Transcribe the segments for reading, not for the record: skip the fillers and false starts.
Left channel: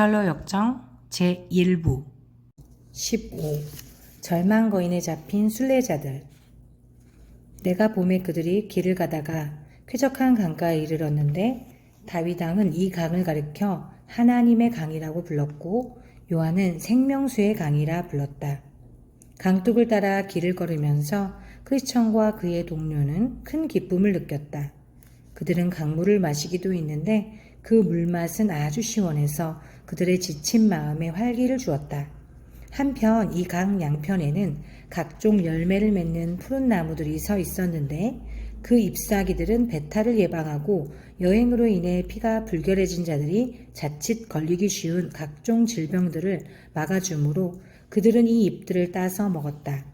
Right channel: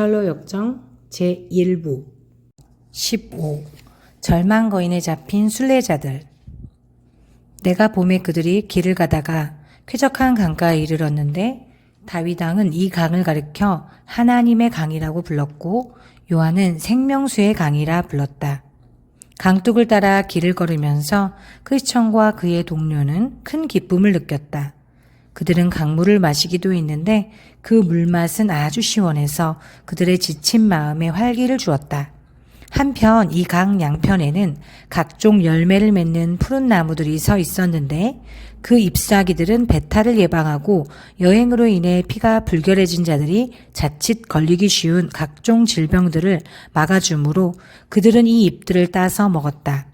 고찰로 역정 제1부 15. 절망 거인에 잡힌 순례자들. 내가 봄에 그들이 길을 가다가 쾌적한 강가에 이르렀는데 다윗왕은 이 강을 가리켜 하나님의 강이라고 불렀고 요한은 생명수의 강이라 불렀다. 강둑을 따라 길을 걸으면서 크리스천과 그의 동료는 큰 기쁨을 느꼈다. 그들은 강물을 마시기도 했는데 그 물맛은 아주 시원해서 그들의 지친 마음에 활기를 주었다. 한편 이 강 양편에는 각종 열매를 맺는 푸른 나무들이 서 있었는데 그 잎사귀들은 배탈을 예방하고 여행으로 인해 피가 불결해진 자들이 자칫 걸리기 쉬운 각종 질병들을 막아주므로 그들은 이 잎들을 따서 먹었다.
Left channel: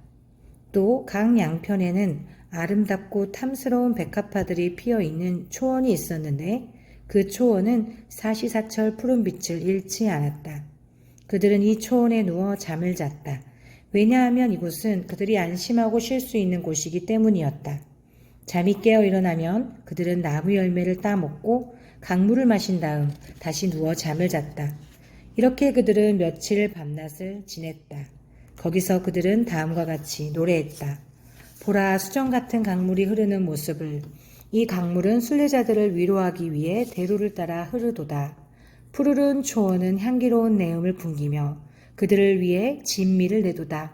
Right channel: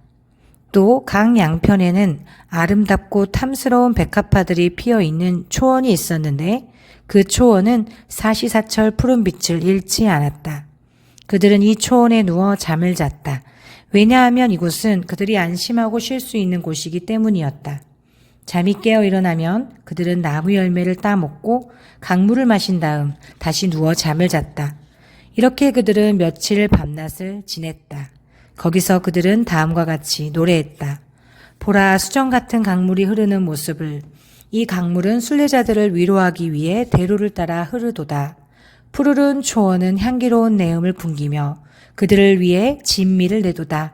또 강 양편에는 아름답고 탐스러운 백합화들이 피어있는 초원이 있었는데 그 초원은 사시사철 푸른빛을 잃지 않았다. 그들은 이 초원에 누워 잠을 잤다. 왜냐하면 이곳은 그들이 안심하고 쉴 수 있는 곳이기 때문이었다. 잠이 깨어 일어나면 그들은 나무 열매를 따먹고 강물을 마신 다음 다시 누워 잠을 잤다. 이렇게 그들은 며칠 밤낮을 지냈다. 거기서 그들은 다음과 같이 노래했다. 보라, 수정 같은 강물이 흐르는 모습을. 이 강물은 순례자들을 위로하기 위해 대로를 따라 흐르도다. 푸르른 초원은 향기로운 내음을 풍기며 그들을 위해 진미를 내도다.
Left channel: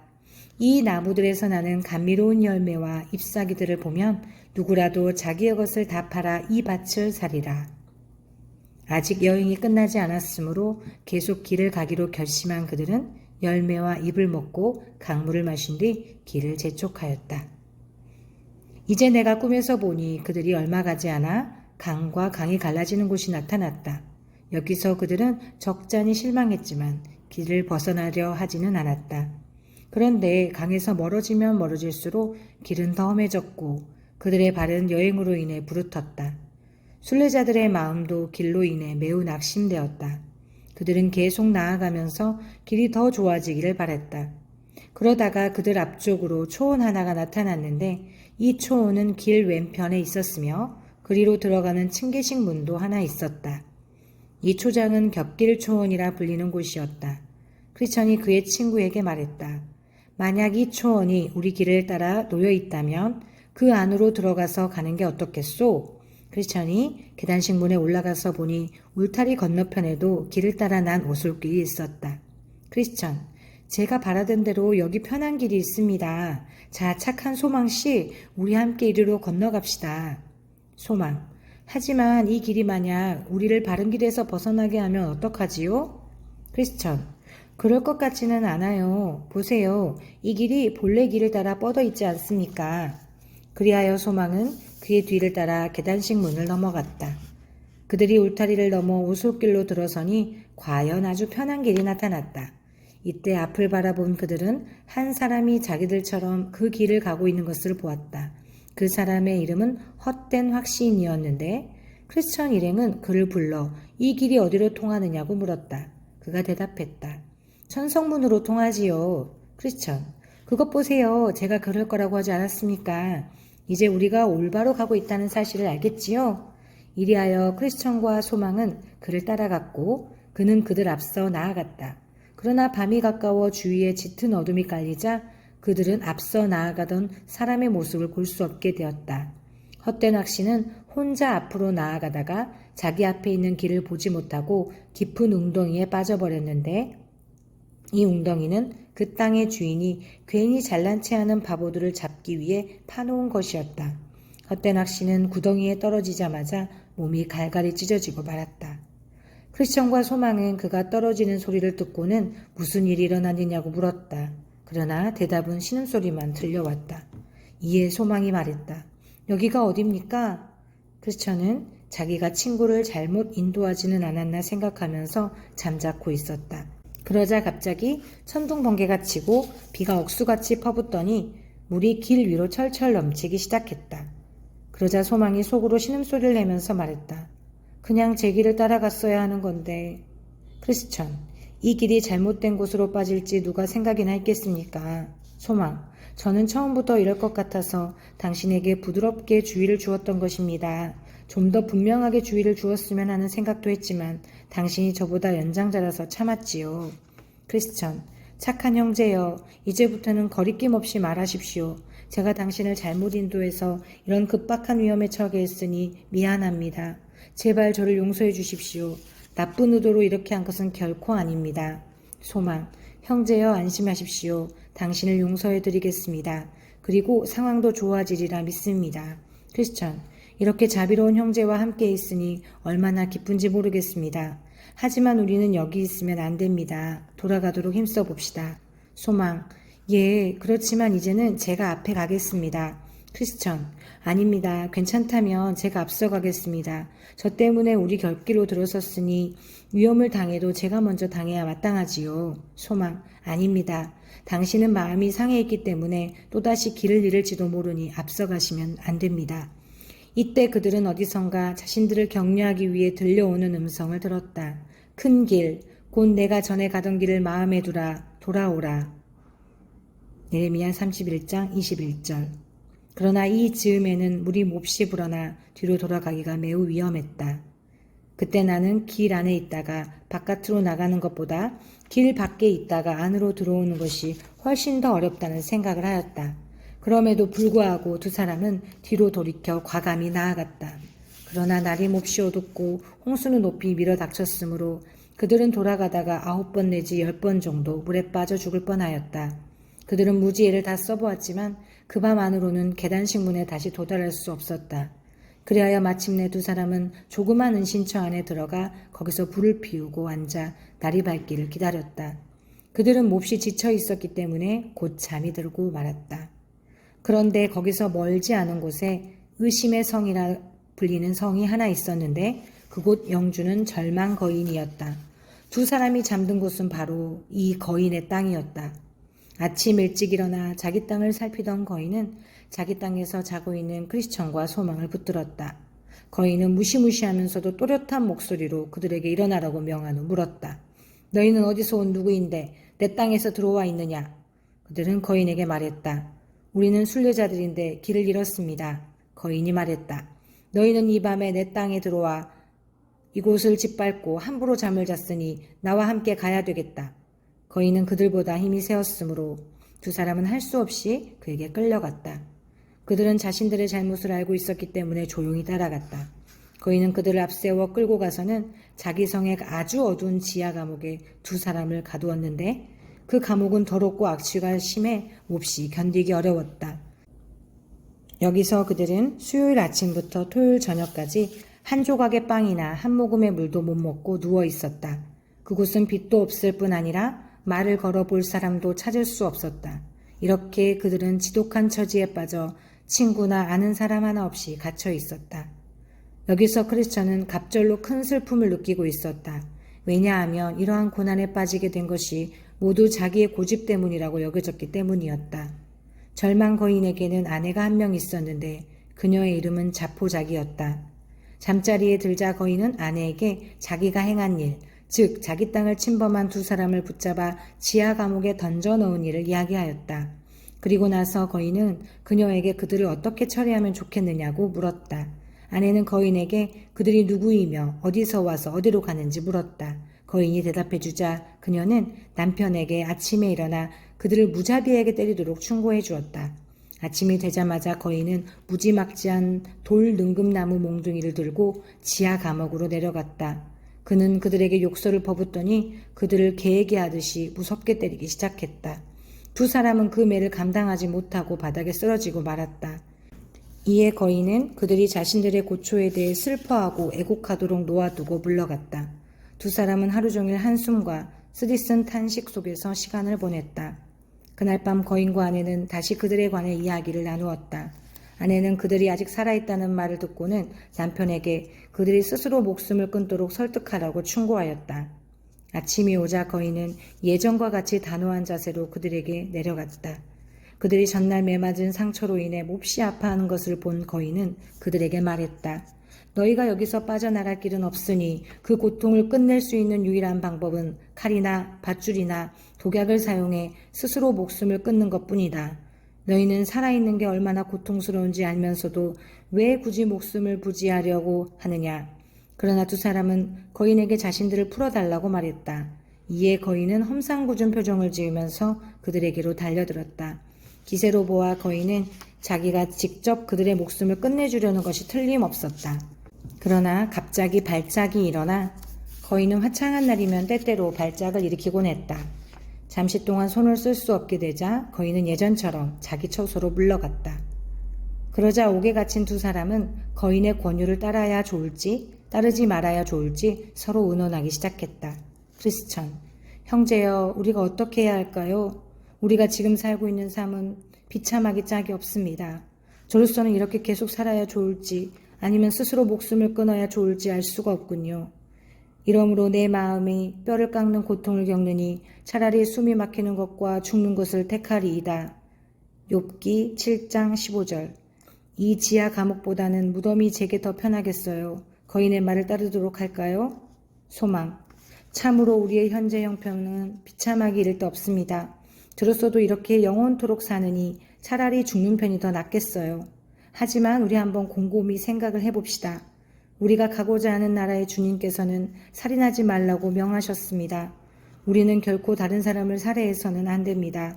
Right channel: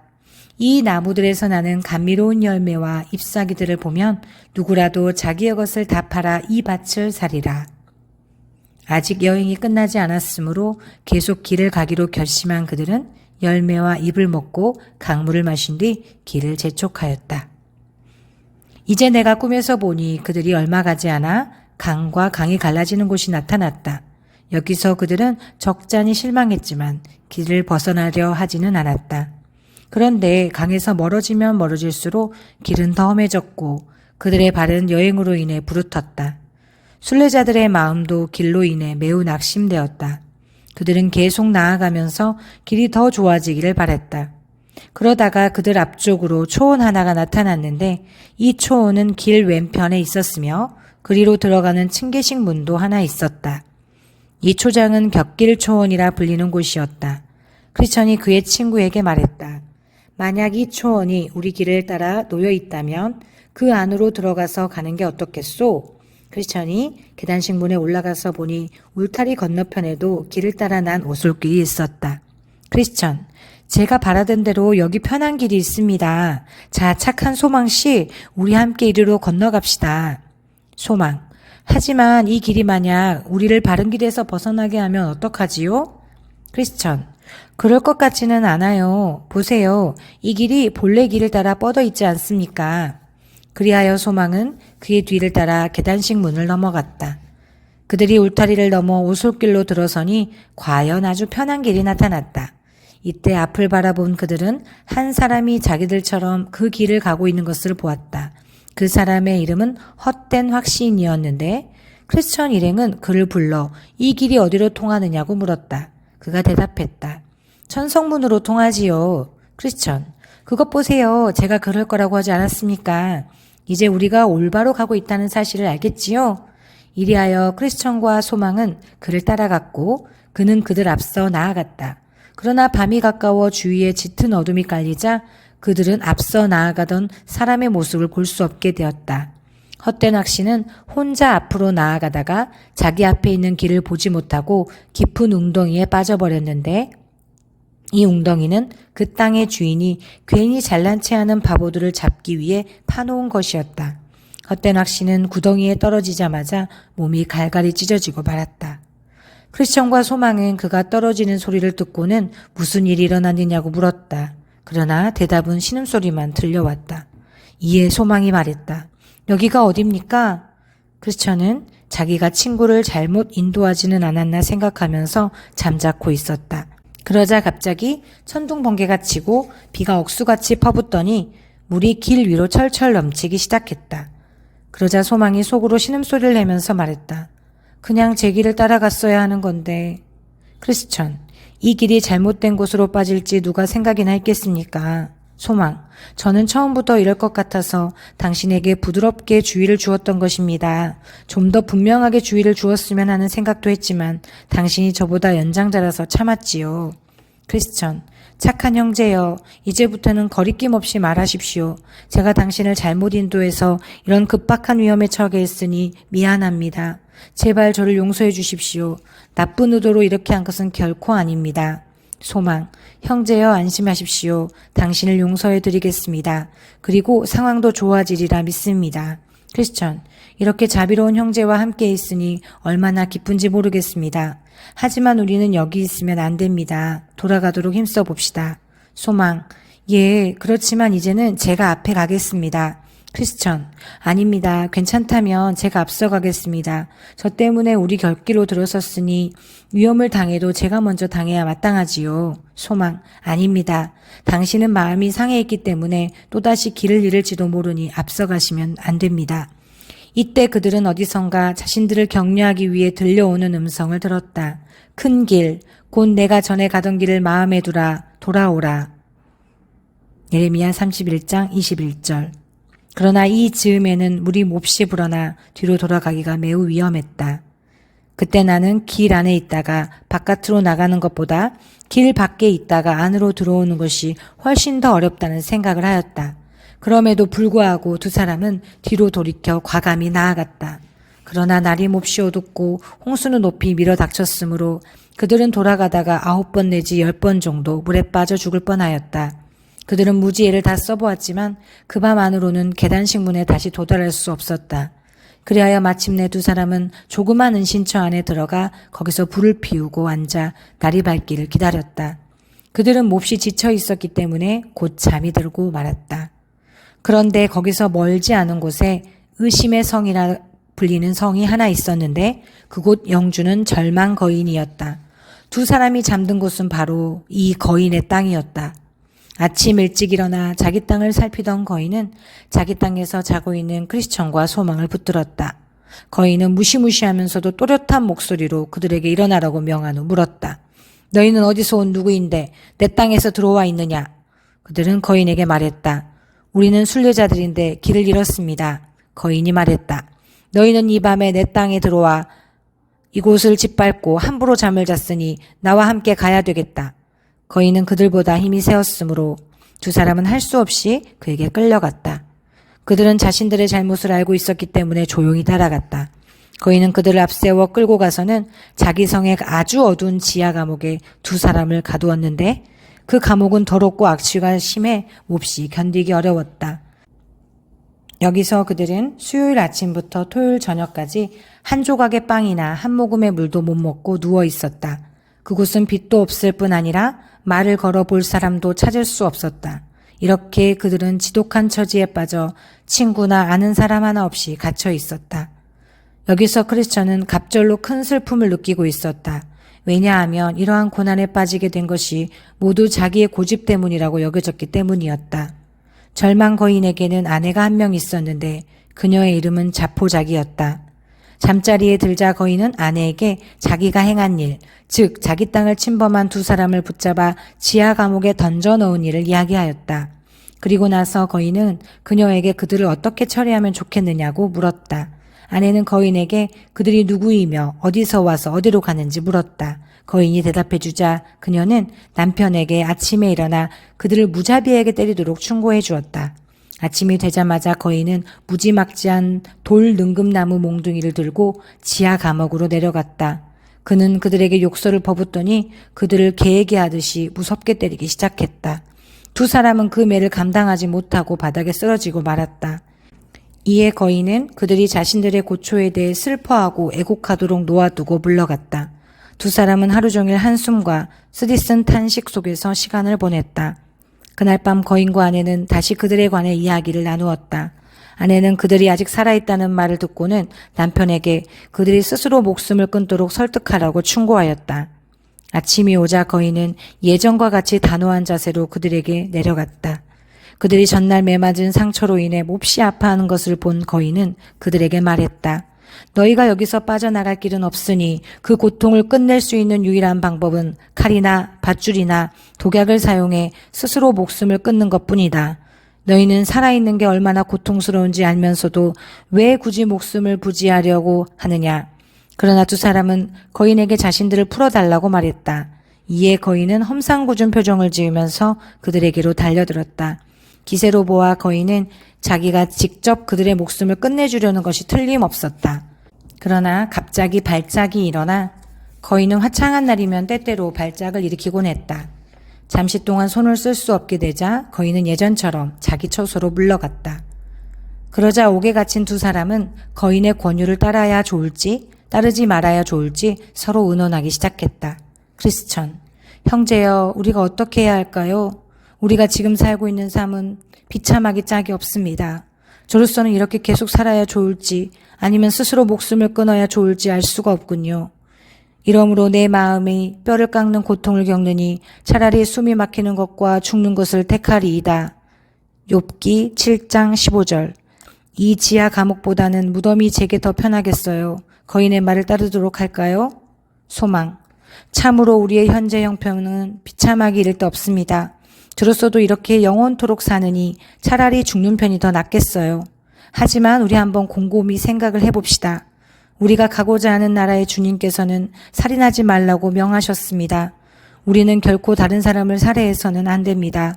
이 나무들에서 나는 감미로운 열매와 잎사귀들을 보면 누구라도 자기의 것을 다 팔아 이 밭을 사리라. 아직 여행이 끝나지 않았으므로 계속 길을 가기로 결심한 그들은 열매와 잎을 먹고 강물을 마신 뒤 길을 재촉하였다. 이제 내가 꿈에서 보니 그들이 얼마 가지 않아 강과 강이 갈라지는 곳이 나타났다. 여기서 그들은 적잖이 실망했지만 길을 벗어나려 하지는 않았다. 그런데 강에서 멀어지면 멀어질수록 길은 더 험해졌고 그들의 발은 여행으로 인해 부르텄다. 순례자들의 마음도 길로 인해 매우 낙심되었다. 그들은 계속 나아가면서 길이 더 좋아지기를 바랬다. 그러다가 그들 앞쪽으로 초원 하나가 나타났는데 이 초원은 길 왼편에 있었으며 그리로 들어가는 층계식 문도 하나 있었다. 이 초장은 곁길 초원이라 불리는 곳이었다. 크리스천이 그의 친구에게 말했다. 만약 이 초원이 우리 길을 따라 놓여 있다면 그 안으로 들어가서 가는 게 어떻겠소? 크리스천이 계단식 문에 올라가서 보니 울타리 건너편에도 길을 따라 난 오솔길이 있었다. 크리스천, 제가 바라던 대로 여기 편한 길이 있습니다. 자, 착한 소망씨, 우리 함께 이리로 건너갑시다. 소망, 하지만 이 길이 만약 우리를 바른 길에서 벗어나게 하면 어떡하지요? 크리스천, 그럴 것 같지는 않아요. 보세요. 이 길이 본래 길을 따라 뻗어 있지 않습니까? 그리하여 소망은 그의 뒤를 따라 계단식 문을 넘어갔다. 그들이 울타리를 넘어 오솔길로 들어서니 과연 아주 편한 길이 나타났다. 이때 앞을 바라본 그들은 한 사람이 자기들처럼 그 길을 가고 있는 것을 보았다. 그 사람의 이름은 헛된 확신이었는데 크리스천 일행은 그를 불러 이 길이 어디로 통하느냐고 물었다. 그가 대답했다. 천성문으로 통하지요. 크리스천, 그것 보세요. 제가 그럴 거라고 하지 않았습니까? 이제 우리가 올바로 가고 있다는 사실을 알겠지요? 이리하여 크리스천과 소망은 그를 따라갔고 그는 그들 앞서 나아갔다. 그러나 밤이 가까워 주위에 짙은 어둠이 깔리자 그들은 앞서 나아가던 사람의 모습을 볼 수 없게 되었다. 헛된 학시는 혼자 앞으로 나아가다가 자기 앞에 있는 길을 보지 못하고 깊은 웅덩이에 빠져버렸는데 이 웅덩이는 그 땅의 주인이 괜히 잘난 체하는 바보들을 잡기 위해 파놓은 것이었다. 헛된 학시는 구덩이에 떨어지자마자 몸이 갈갈이 찢어지고 말았다. 크리스천과 소망은 그가 떨어지는 소리를 듣고는 무슨 일이 일어났느냐고 물었다. 그러나 대답은 신음소리만 들려왔다. 이에 소망이 말했다. 여기가 어딥니까? 크리스천은 자기가 친구를 잘못 인도하지는 않았나 생각하면서 잠자코 있었다. 그러자 갑자기 천둥 번개가 치고 비가 억수같이 퍼붓더니 물이 길 위로 철철 넘치기 시작했다. 그러자 소망이 속으로 신음소리를 내면서 말했다. 그냥 제 길을 따라갔어야 하는 건데. 크리스천, 이 길이 잘못된 곳으로 빠질지 누가 생각이나 했겠습니까? 소망. 저는 처음부터 이럴 것 같아서 당신에게 부드럽게 주의를 주었던 것입니다. 좀 더 분명하게 주의를 주었으면 하는 생각도 했지만 당신이 저보다 연장자라서 참았지요. 크리스천. 착한 형제여, 이제부터는 거리낌 없이 말하십시오. 제가 당신을 잘못 인도해서 이런 급박한 위험에 처하게 했으니 미안합니다. 제발 저를 용서해 주십시오. 나쁜 의도로 이렇게 한 것은 결코 아닙니다. 소망. 형제여, 안심하십시오. 당신을 용서해 드리겠습니다. 그리고 상황도 좋아지리라 믿습니다. 크리스천. 이렇게 자비로운 형제와 함께 있으니 얼마나 기쁜지 모르겠습니다. 하지만 우리는 여기 있으면 안 됩니다. 돌아가도록 힘써 봅시다. 소망. 예, 그렇지만 이제는 제가 앞에 가겠습니다. 크리스천. 아닙니다. 괜찮다면 제가 앞서가겠습니다. 저 때문에 우리 곁길로 들어섰으니 위험을 당해도 제가 먼저 당해야 마땅하지요. 소망. 아닙니다. 당신은 마음이 상해 있기 때문에 또다시 길을 잃을지도 모르니 앞서가시면 안 됩니다. 이때 그들은 어디선가 자신들을 격려하기 위해 들려오는 음성을 들었다. 큰 길, 곧 내가 전에 가던 길을 마음에 두라, 돌아오라. 예레미야 31장 21절. 그러나 이 즈음에는 물이 몹시 불어나 뒤로 돌아가기가 매우 위험했다. 그때 나는 길 안에 있다가 바깥으로 나가는 것보다 길 밖에 있다가 안으로 들어오는 것이 훨씬 더 어렵다는 생각을 하였다. 그럼에도 불구하고 두 사람은 뒤로 돌이켜 과감히 나아갔다. 그러나 날이 몹시 어둡고 홍수는 높이 밀어닥쳤으므로 그들은 돌아가다가 9번 내지 10번 정도 물에 빠져 죽을 뻔하였다. 그들은 무지개를 다 써보았지만 그 밤 안으로는 계단식 문에 다시 도달할 수 없었다. 그리하여 마침내 두 사람은 조그만 은신처 안에 들어가 거기서 불을 피우고 앉아 날이 밝기를 기다렸다. 그들은 몹시 지쳐 있었기 때문에 곧 잠이 들고 말았다. 그런데 거기서 멀지 않은 곳에 의심의 성이라 불리는 성이 하나 있었는데 그곳 영주는 절망 거인이었다. 두 사람이 잠든 곳은 바로 이 거인의 땅이었다. 아침 일찍 일어나 자기 땅을 살피던 거인은 자기 땅에서 자고 있는 크리스천과 소망을 붙들었다. 거인은 무시무시하면서도 또렷한 목소리로 그들에게 일어나라고 명한 후 물었다. 너희는 어디서 온 누구인데 내 땅에서 들어와 있느냐? 그들은 거인에게 말했다. 우리는 순례자들인데 길을 잃었습니다. 거인이 말했다. 너희는 이 밤에 내 땅에 들어와 이곳을 짓밟고 함부로 잠을 잤으니 나와 함께 가야 되겠다. 거인은 그들보다 힘이 세었으므로 두 사람은 할 수 없이 그에게 끌려갔다. 그들은 자신들의 잘못을 알고 있었기 때문에 조용히 따라갔다. 거인은 그들을 앞세워 끌고 가서는 자기 성의 아주 어두운 지하 감옥에 두 사람을 가두었는데 그 감옥은 더럽고 악취가 심해 몹시 견디기 어려웠다. 여기서 그들은 수요일 아침부터 토요일 저녁까지 한 조각의 빵이나 한 모금의 물도 못 먹고 누워 있었다. 그곳은 빛도 없을 뿐 아니라 말을 걸어 볼 사람도 찾을 수 없었다. 이렇게 그들은 지독한 처지에 빠져 친구나 아는 사람 하나 없이 갇혀 있었다. 여기서 크리스천은 갑절로 큰 슬픔을 느끼고 있었다. 왜냐하면 이러한 고난에 빠지게 된 것이 모두 자기의 고집 때문이라고 여겨졌기 때문이었다. 절망 거인에게는 아내가 한 명 있었는데 그녀의 이름은 자포자기였다. 잠자리에 들자 거인은 아내에게 자기가 행한 일, 즉 자기 땅을 침범한 두 사람을 붙잡아 지하 감옥에 던져 넣은 일을 이야기하였다. 그리고 나서 거인은 그녀에게 그들을 어떻게 처리하면 좋겠느냐고 물었다. 아내는 거인에게 그들이 누구이며 어디서 와서 어디로 가는지 물었다. 거인이 대답해주자 그녀는 남편에게 아침에 일어나 그들을 무자비하게 때리도록 충고해 주었다. 아침이 되자마자 거인은 무지막지한 돌 능금나무 몽둥이를 들고 지하 감옥으로 내려갔다. 그는 그들에게 욕설을 퍼붓더니 그들을 개에게 하듯이 무섭게 때리기 시작했다. 두 사람은 그 매를 감당하지 못하고 바닥에 쓰러지고 말았다. 이에 거인은 그들이 자신들의 고초에 대해 슬퍼하고 애곡하도록 놓아두고 물러갔다. 두 사람은 하루 종일 한숨과 쓰디쓴 탄식 속에서 시간을 보냈다. 그날 밤 거인과 아내는 다시 그들에 관해 이야기를 나누었다. 아내는 그들이 아직 살아있다는 말을 듣고는 남편에게 그들이 스스로 목숨을 끊도록 설득하라고 충고하였다. 아침이 오자 거인은 예전과 같이 단호한 자세로 그들에게 내려갔다. 그들이 전날 매맞은 상처로 인해 몹시 아파하는 것을 본 거인은 그들에게 말했다. 너희가 여기서 빠져나갈 길은 없으니 그 고통을 끝낼 수 있는 유일한 방법은 칼이나 밧줄이나 독약을 사용해 스스로 목숨을 끊는 것뿐이다. 너희는 살아있는 게 얼마나 고통스러운지 알면서도 왜 굳이 목숨을 부지하려고 하느냐. 그러나 두 사람은 거인에게 자신들을 풀어달라고 말했다. 이에 거인은 험상궂은 표정을 지으면서 그들에게로 달려들었다. 기세로 보아 거인은 자기가 직접 그들의 목숨을 끝내주려는 것이 틀림없었다. 그러나 갑자기 발작이 일어나 거인은 화창한 날이면 때때로 발작을 일으키곤 했다. 잠시 동안 손을 쓸 수 없게 되자 거인은 예전처럼 자기 처소로 물러갔다. 그러자 옥에 갇힌 두 사람은 거인의 권유를 따라야 좋을지 따르지 말아야 좋을지 서로 의논하기 시작했다. 크리스천, 형제여, 우리가 어떻게 해야 할까요? 우리가 지금 살고 있는 삶은 비참하기 짝이 없습니다. 저로서는 이렇게 계속 살아야 좋을지 아니면 스스로 목숨을 끊어야 좋을지 알 수가 없군요. 이러므로 내 마음이 뼈를 깎는 고통을 겪느니 차라리 숨이 막히는 것과 죽는 것을 택하리이다. 욥기 7장 15절. 이 지하 감옥보다는 무덤이 제게 더 편하겠어요. 거인의 말을 따르도록 할까요? 소망. 참으로 우리의 현재 형편은 비참하기 이를 데 없습니다. 들었어도 이렇게 영원토록 사느니 차라리 죽는 편이 더 낫겠어요. 하지만 우리 한번 곰곰이 생각을 해봅시다. 우리가 가고자 하는 나라의 주님께서는 살인하지 말라고 명하셨습니다. 우리는 결코 다른 사람을 살해해서는 안 됩니다.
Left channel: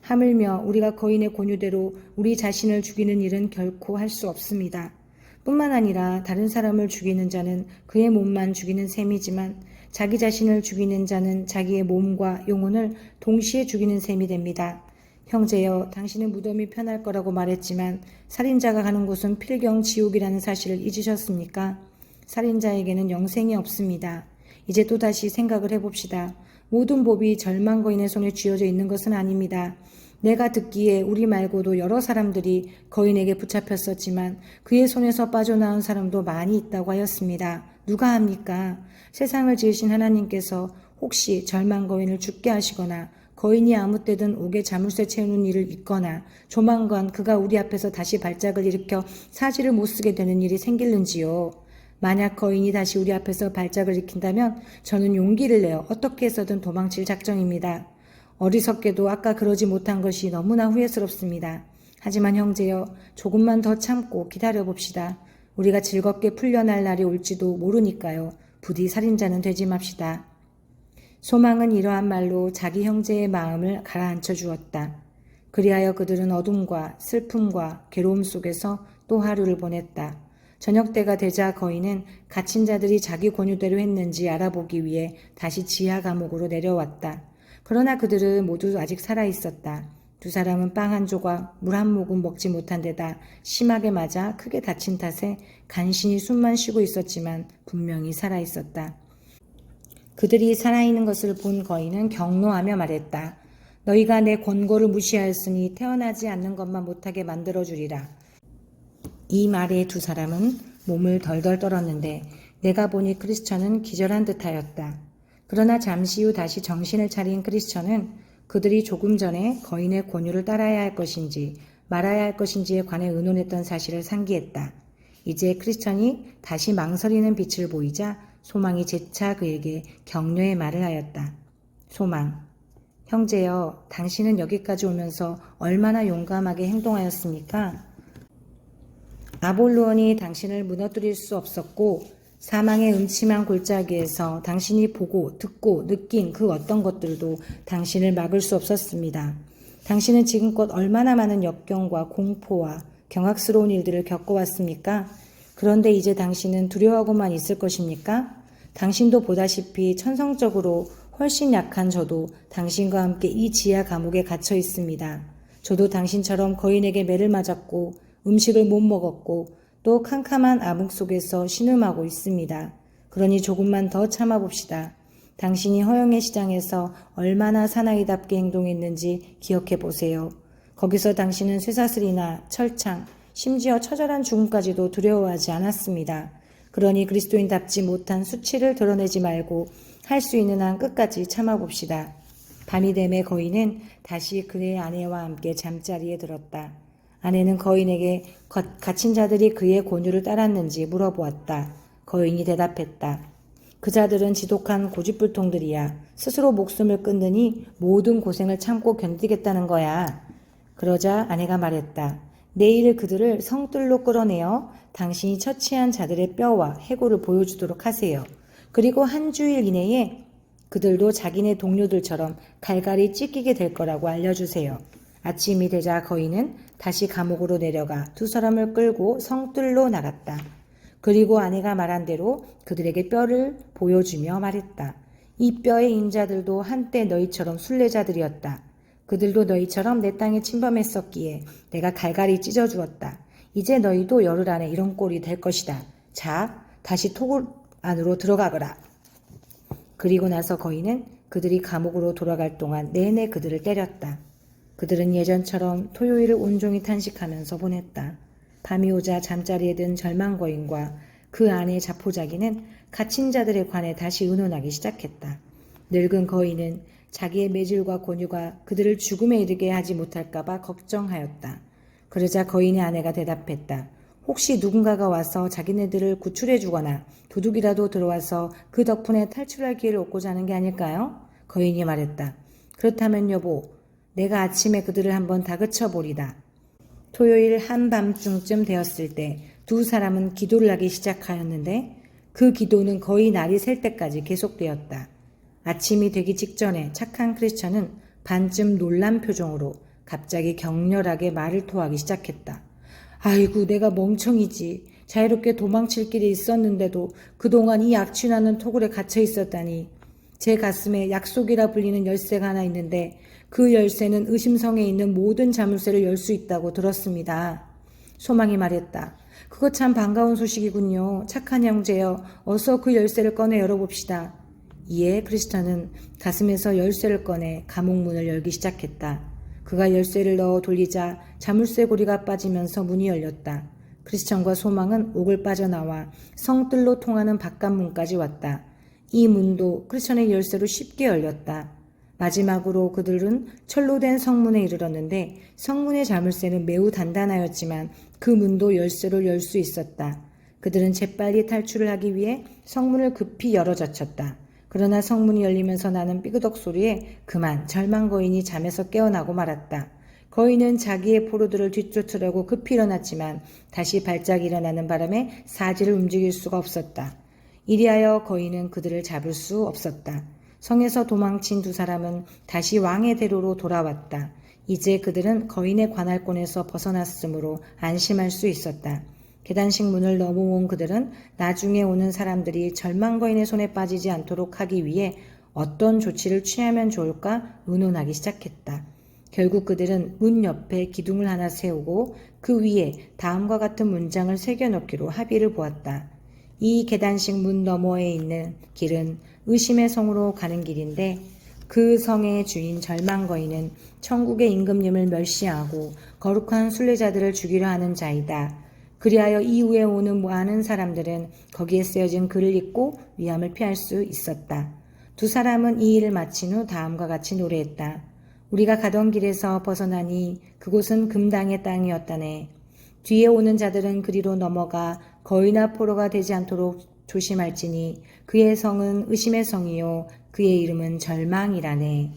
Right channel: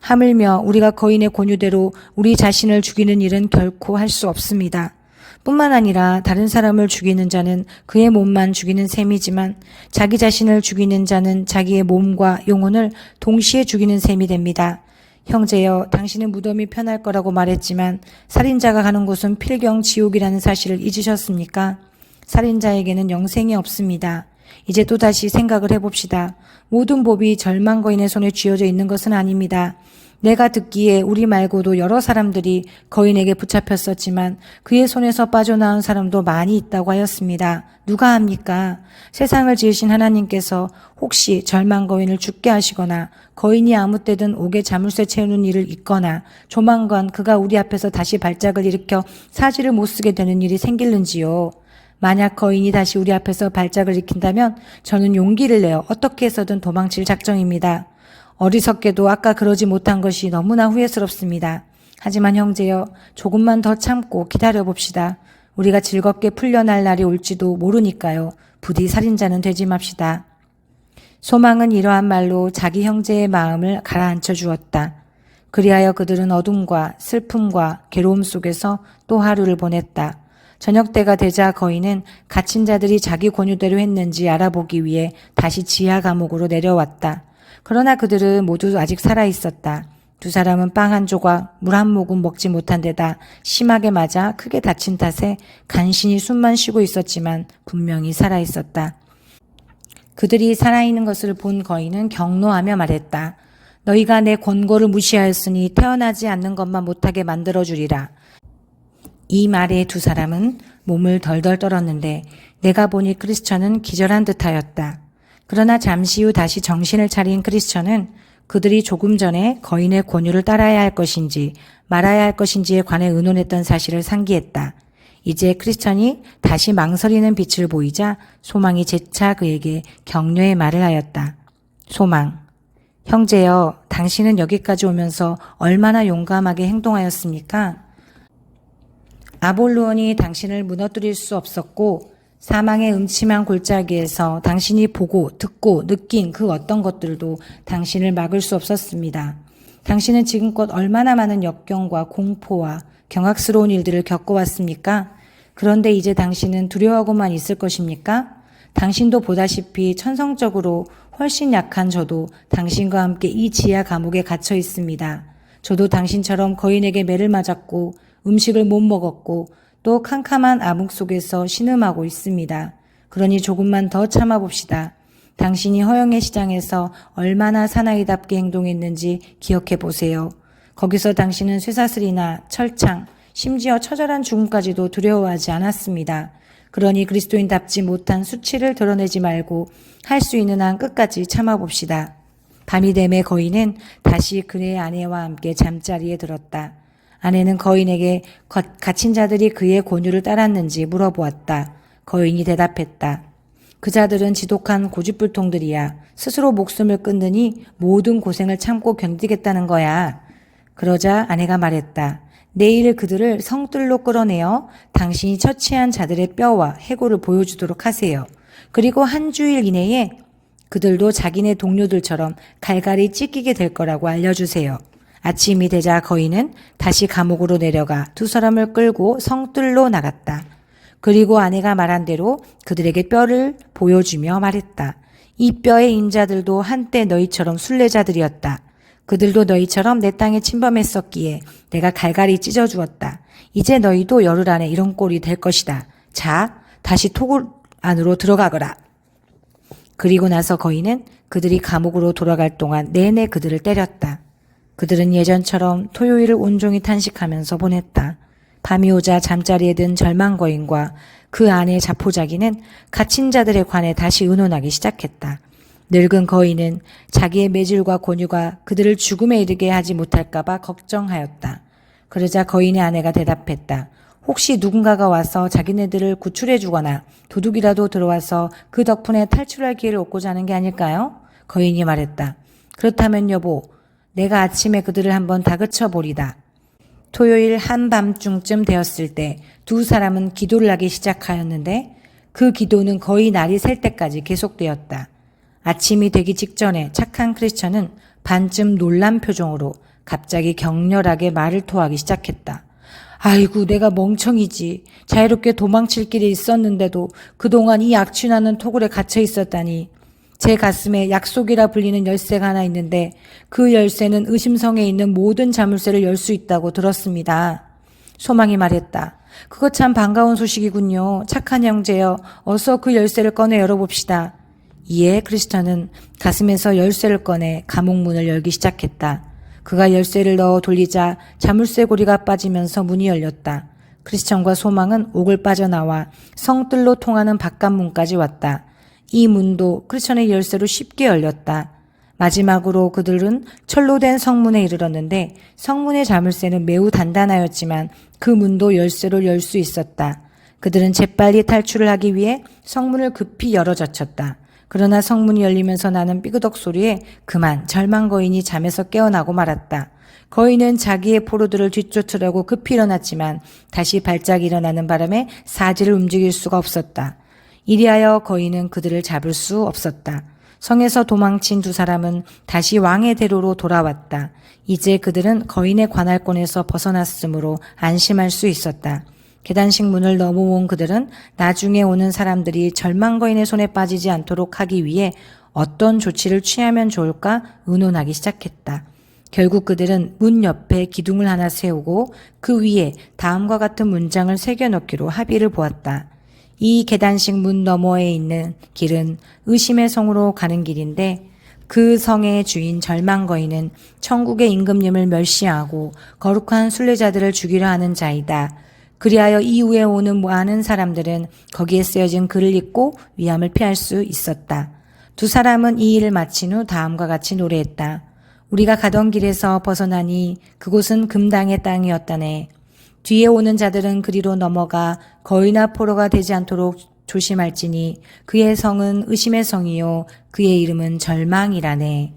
하물며 우리가 거인의 권유대로 우리 자신을 죽이는 일은 결코 할 수 없습니다. 뿐만 아니라 다른 사람을 죽이는 자는 그의 몸만 죽이는 셈이지만 자기 자신을 죽이는 자는 자기의 몸과 영혼을 동시에 죽이는 셈이 됩니다. 형제여, 당신은 무덤이 편할 거라고 말했지만 살인자가 가는 곳은 필경 지옥이라는 사실을 잊으셨습니까? 살인자에게는 영생이 없습니다. 이제 또다시 생각을 해봅시다. 모든 법이 절망 거인의 손에 쥐어져 있는 것은 아닙니다. 내가 듣기에 우리 말고도 여러 사람들이 거인에게 붙잡혔었지만 그의 손에서 빠져나온 사람도 많이 있다고 하였습니다. 누가 합니까? 세상을 지으신 하나님께서 혹시 절망 거인을 죽게 하시거나 거인이 아무 때든 옥에 자물쇠 채우는 일을 잊거나 조만간 그가 우리 앞에서 다시 발작을 일으켜 사지를 못 쓰게 되는 일이 생길는지요. 만약 거인이 다시 우리 앞에서 발작을 일으킨다면 저는 용기를 내어 어떻게 해서든 도망칠 작정입니다. 어리석게도 아까 그러지 못한 것이 너무나 후회스럽습니다. 하지만 형제여, 조금만 더 참고 기다려봅시다. 우리가 즐겁게 풀려날 날이 올지도 모르니까요. 부디 살인자는 되지 맙시다. 소망은 이러한 말로 자기 형제의 마음을 가라앉혀 주었다. 그리하여 그들은 어둠과 슬픔과 괴로움 속에서 또 하루를 보냈다. 저녁 때가 되자 거인은 갇힌 자들이 자기 권유대로 했는지 알아보기 위해 다시 지하 감옥으로 내려왔다. 그러나 그들은 모두 아직 살아있었다. 두 사람은 빵 한 조각, 물 한 모금 먹지 못한 데다 심하게 맞아 크게 다친 탓에 간신히 숨만 쉬고 있었지만 분명히 살아있었다. 그들이 살아있는 것을 본 거인은 격노하며 말했다. 너희가 내 권고를 무시하였으니 태어나지 않는 것만 못하게 만들어주리라. 이 말에 두 사람은 몸을 덜덜 떨었는데 내가 보니 크리스천은 기절한 듯하였다. 그러나 잠시 후 다시 정신을 차린 크리스천은 그들이 조금 전에 거인의 권유를 따라야 할 것인지 말아야 할 것인지에 관해 의논했던 사실을 상기했다. 이제 크리스천이 다시 망설이는 빛을 보이자 소망이 재차 그에게 격려의 말을 하였다. 소망, 형제여, 당신은 여기까지 오면서 얼마나 용감하게 행동하였습니까? 아볼론이 당신을 무너뜨릴 수 없었고 사망의 음침한 골짜기에서 당신이 보고 듣고 느낀 그 어떤 것들도 당신을 막을 수 없었습니다. 당신은 지금껏 얼마나 많은 역경과 공포와 경악스러운 일들을 겪어왔습니까? 그런데 이제 당신은 두려워하고만 있을 것입니까? 당신도 보다시피 천성적으로 훨씬 약한 저도 당신과 함께 이 지하 감옥에 갇혀 있습니다. 저도 당신처럼 거인에게 매를 맞았고 음식을 못 먹었고 또 캄캄한 암흑 속에서 신음하고 있습니다. 그러니 조금만 더 참아봅시다. 당신이 허영의 시장에서 얼마나 사나이답게 행동했는지 기억해 보세요. 거기서 당신은 쇠사슬이나 철창, 심지어 처절한 죽음까지도 두려워하지 않았습니다. 그러니 그리스도인답지 못한 수치를 드러내지 말고 할 수 있는 한 끝까지 참아봅시다. 밤이 되매 거인은 다시 그의 아내와 함께 잠자리에 들었다. 아내는 거인에게 갇힌 자들이 그의 권유를 따랐는지 물어보았다. 거인이 대답했다. 그 자들은 지독한 고집불통들이야. 스스로 목숨을 끊느니 모든 고생을 참고 견디겠다는 거야. 그러자 아내가 말했다. 내일 그들을 성뜰로 끌어내어 당신이 처치한 자들의 뼈와 해골을 보여주도록 하세요. 그리고 한 주일 이내에 그들도 자기네 동료들처럼 갈갈이 찢기게 될 거라고 알려주세요. 아침이 되자 거인은 다시 감옥으로 내려가 두 사람을 끌고 성뜰로 나갔다. 그리고 아내가 말한 대로 그들에게 뼈를 보여주며 말했다. 이 뼈의 인자들도 한때 너희처럼 순례자들이었다. 그들도 너희처럼 내 땅에 침범했었기에 내가 갈갈이 찢어주었다. 이제 너희도 열흘 안에 이런 꼴이 될 것이다. 자, 다시 토굴 안으로 들어가거라. 그리고 나서 거인은 그들이 감옥으로 돌아갈 동안 내내 그들을 때렸다. 그들은 예전처럼 토요일을 온종일 탄식하면서 보냈다. 밤이 오자 잠자리에 든 절망 거인과 그 아내 자포자기는 갇힌 자들에 관해 다시 의논하기 시작했다. 늙은 거인은 자기의 매질과 권유가 그들을 죽음에 이르게 하지 못할까봐 걱정하였다. 그러자 거인의 아내가 대답했다. 혹시 누군가가 와서 자기네들을 구출해 주거나 도둑이라도 들어와서 그 덕분에 탈출할 기회를 얻고자 하는 게 아닐까요? 거인이 말했다. 그렇다면 여보, 내가 아침에 그들을 한번 다그쳐 보리다. 토요일 한밤중쯤 되었을 때 두 사람은 기도를 하기 시작하였는데 그 기도는 거의 날이 셀 때까지 계속되었다. 아침이 되기 직전에 착한 크리스천은 반쯤 놀란 표정으로 갑자기 격렬하게 말을 토하기 시작했다. 아이고, 내가 멍청이지. 자유롭게 도망칠 길이 있었는데도 그동안 이 악취나는 토굴에 갇혀 있었다니. 제 가슴에 약속이라 불리는 열쇠가 하나 있는데 그 열쇠는 의심성에 있는 모든 자물쇠를 열 수 있다고 들었습니다. 소망이 말했다. 그거 참 반가운 소식이군요. 착한 형제여, 어서 그 열쇠를 꺼내 열어봅시다. 이에 크리스천은 가슴에서 열쇠를 꺼내 감옥문을 열기 시작했다. 그가 열쇠를 넣어 돌리자 자물쇠 고리가 빠지면서 문이 열렸다. 크리스천과 소망은 옥을 빠져나와 성뜰로 통하는 바깥문까지 왔다. 이 문도 크리스천의 열쇠로 쉽게 열렸다. 마지막으로 그들은 철로 된 성문에 이르렀는데 성문의 자물쇠는 매우 단단하였지만 그 문도 열쇠로 열 수 있었다. 그들은 재빨리 탈출을 하기 위해 성문을 급히 열어젖혔다. 그러나 성문이 열리면서 나는 삐그덕 소리에 그만 절망 거인이 잠에서 깨어나고 말았다. 거인은 자기의 포로들을 뒤쫓으려고 급히 일어났지만 다시 발작이 일어나는 바람에 사지를 움직일 수가 없었다. 이리하여 거인은 그들을 잡을 수 없었다. 성에서 도망친 두 사람은 다시 왕의 대로로 돌아왔다. 이제 그들은 거인의 관할권에서 벗어났으므로 안심할 수 있었다. 계단식 문을 넘어온 그들은 나중에 오는 사람들이 절망 거인의 손에 빠지지 않도록 하기 위해 어떤 조치를 취하면 좋을까 의논하기 시작했다. 결국 그들은 문 옆에 기둥을 하나 세우고 그 위에 다음과 같은 문장을 새겨넣기로 합의를 보았다. 이 계단식 문 너머에 있는 길은 의심의 성으로 가는 길인데 그 성의 주인 절망 거인은 천국의 임금님을 멸시하고 거룩한 순례자들을 죽이려 하는 자이다. 그리하여 이후에 오는 많은 사람들은 거기에 쓰여진 글을 읽고 위험을 피할 수 있었다. 두 사람은 이 일을 마친 후 다음과 같이 노래했다. 우리가 가던 길에서 벗어나니 그곳은 금당의 땅이었다네. 뒤에 오는 자들은 그리로 넘어가 거인아 포로가 되지 않도록 조심할지니 그의 성은 의심의 성이요 그의 이름은 절망이라네.